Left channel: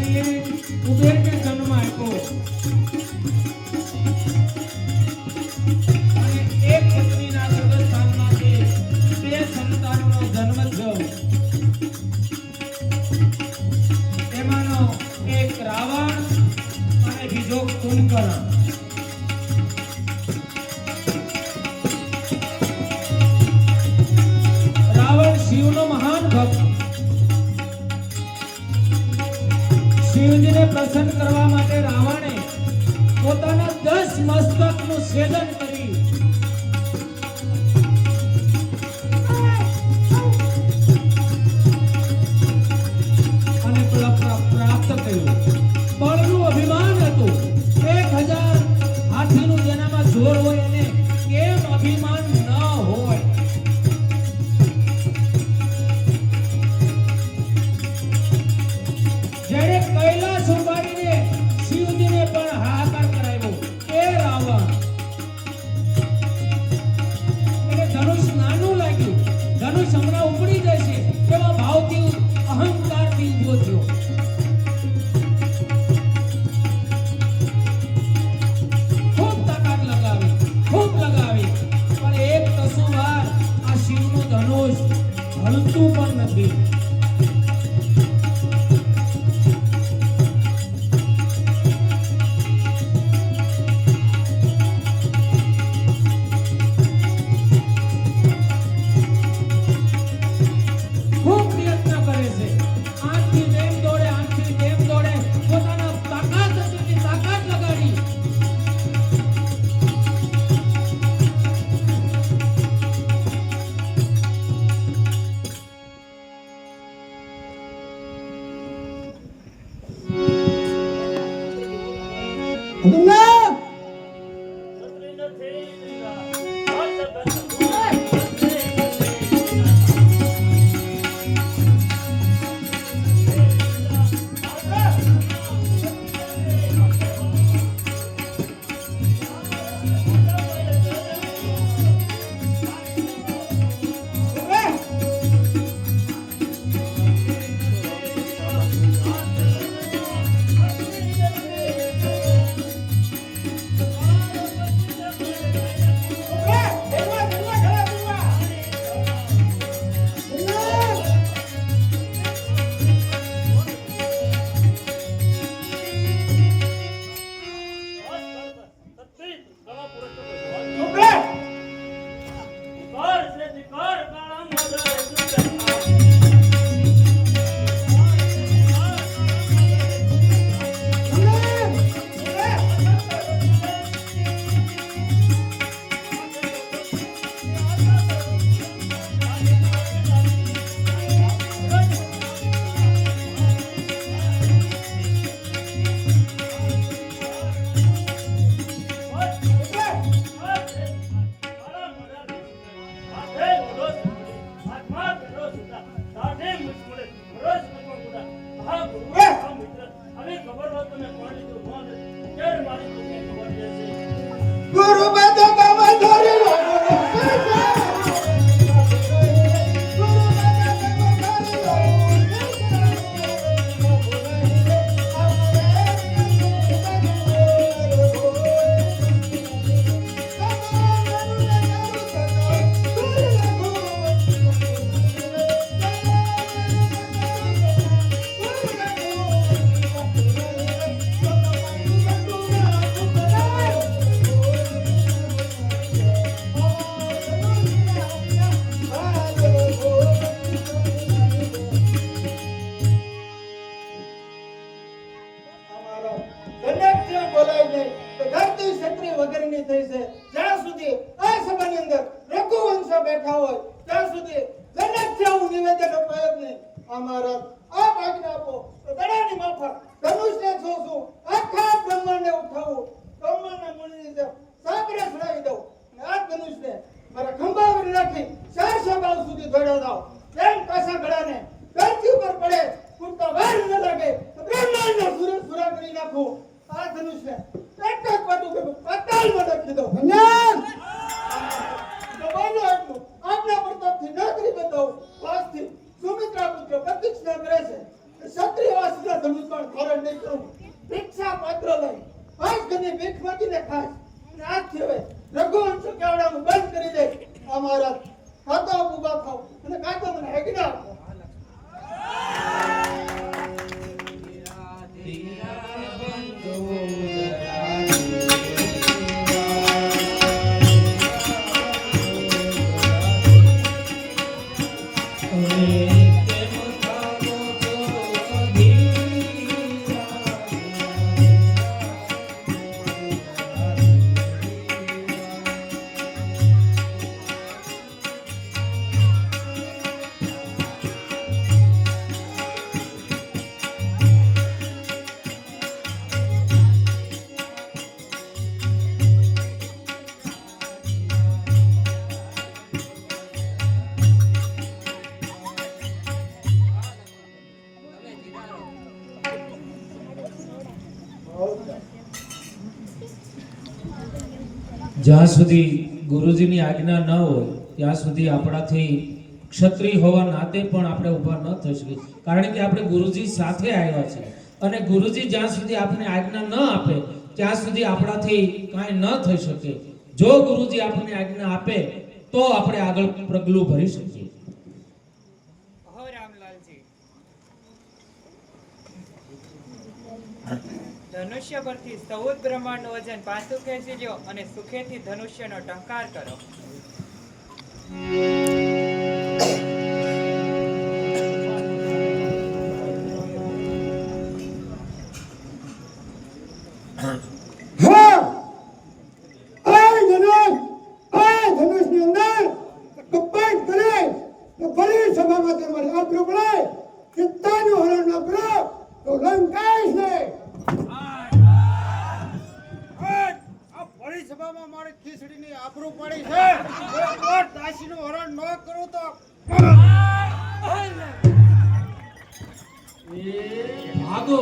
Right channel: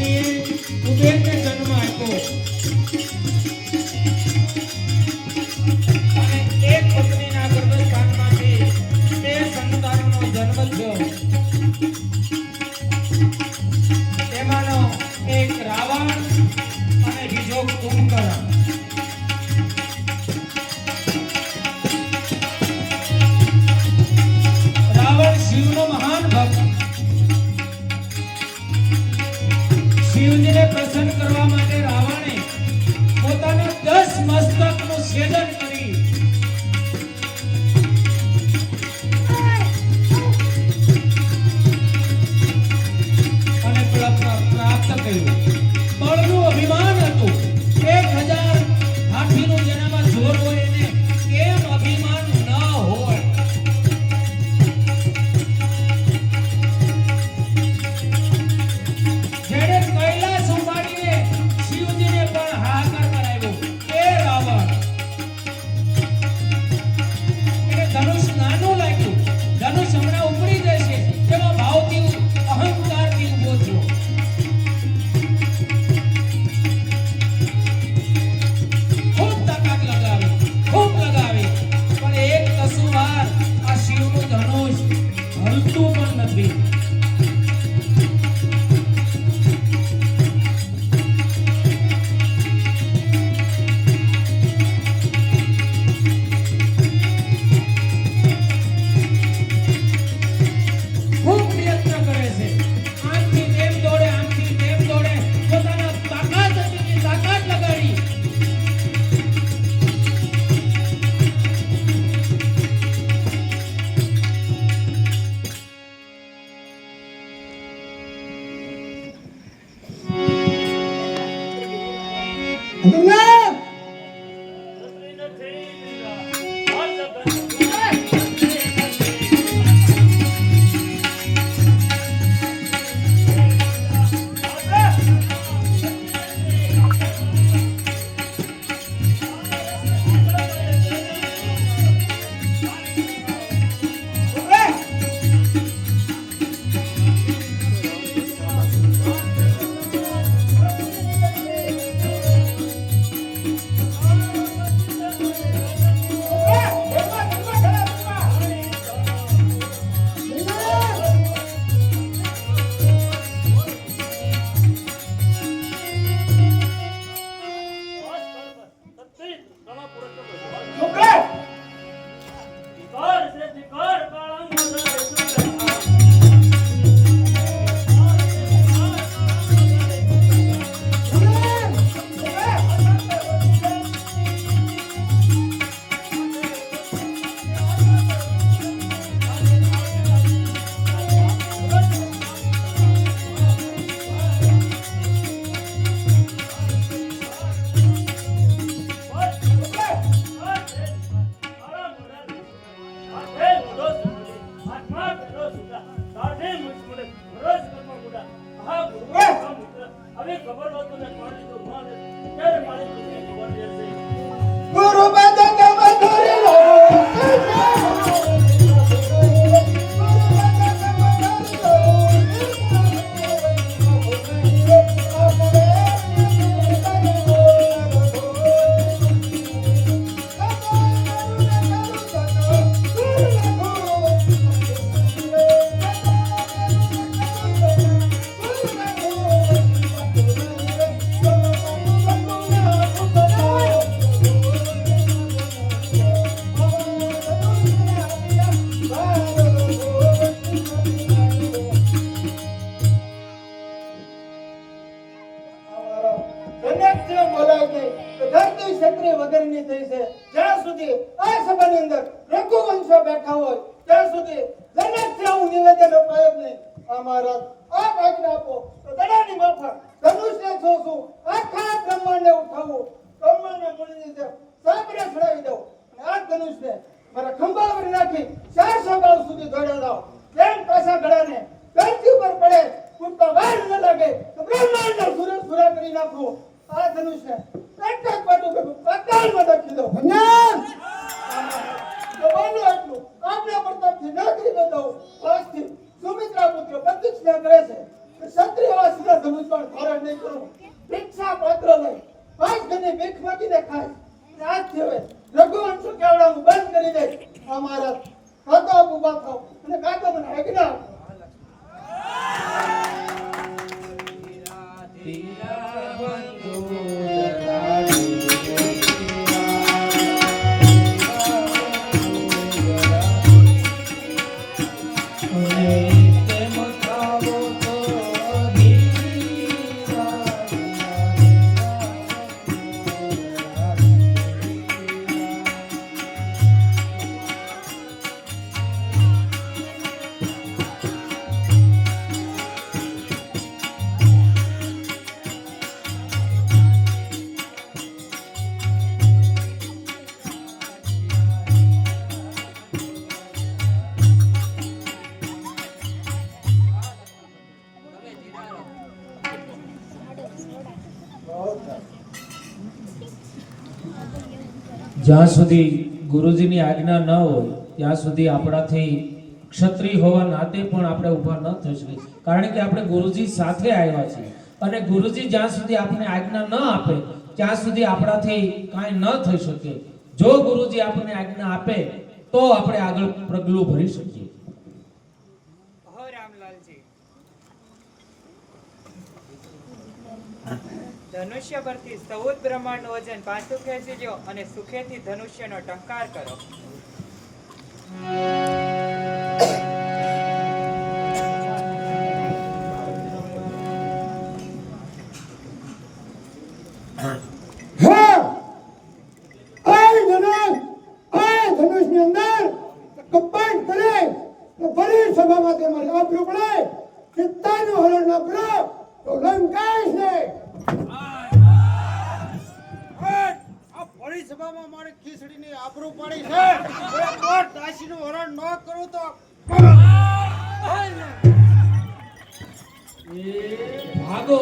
અગ્નિએ કુબેરને જન્મ આપ્યો અને એક પત્નીના ગર્ભસ્થાનમાંથી બે સંતાનોનો જન્મ થયો. એમાંનો એક રાવણ અને બીજો કુંભકર્ણ. રાવણ શિવનો મહાન ભક્ત. શિવજીને પ્રસન્ન કરવા માટે રાવણે પોતાના 10 મસ્તકનું છેદન કરી અને પ્રાપ્ત કર્યું. બળનું અભિમાન હતું. 1000 હાથીનું જેનામાં જોર હોય એને કેમ અભિમાન ન હોય? જેણે કૈલાસ ઉપાડીને શિવજીને પણ હાહાકાર કરાવ્યો એ રાવણ. એને ધનુષ નાનું લાગ્યું. ધનુષ હમણાં ઉપડી જશે તેવા ભાવથી અહંકારથી ઊભો થયો. ખૂબ તાકાત લગાવી પણ એક કસુવાર આ શિવનું ધનુષ હલતું પણ નથી. ખૂબ પ્રયત્ન કરે છે. આમથી તેમ દોડે પોતાના તાકાત એટલી તાકાત લગાડી આ ધનુષને એક એક પાટું કે પાતાળમાં નાખી દો. દબાણો એટલું આપના પ્રતાપથી નોકરી બતાવો. વાસથી સુમિત્રા પુત્ર પ્રતિજ્ઞા કરે છે ક્ષત્રિય વાસના ધનુષ પણ ધારણ નહીં કરું. ભિક્ષા પાત્ર લઈ પાંચ ઘરની ભીખ માગીને ખાય. આજથી હવે રઘુવંશ કેવડાનું બંધ કરી દે. અમારા કાતો ઉભા થાવ અને કાતો મને આજ્ઞા આપો. જ્યાં સુધી ગુરુજીની આજ્ઞા ન હોય ત્યાં સુધી આપણાથી ક્ષત્રિય હોવા નાતે પણ આપણે ઊભા ન થઈ શકીએ. કારણ કે આપણે ગુરુજી સાથે આવ્યા છીએ અને ગુરુજી જ્યાં સુધી આપણને આજ્ઞા ન આપે ત્યાં સુધી આપણાથી કાંઈ ન થઈ શકે. જો ગુરુજી આપણને આજ્ઞા આપે તો આપણે આગળ પગલું ભરી શકીએ. અહો રામલાલજી, ધનુષ્ય પરથી સૌદ બ્રહ્માંડનું વજન પાછું ખેંચી લ્યો અને સુખેથી ધનુષ્યનો ટંકાર કરો. ધનુષની અંદર કપાટ કરે ભલે સભામાં તે મારે આપ્યું પડે. ચિત્તાનું હરણ ન કરો તો લંકાઈશ ને. આ ભરી સભામાં મારી ખીચડીની આબરૂ પડી છે. એકવાર દાસીનું હરણ ન કરું તો ભાગો.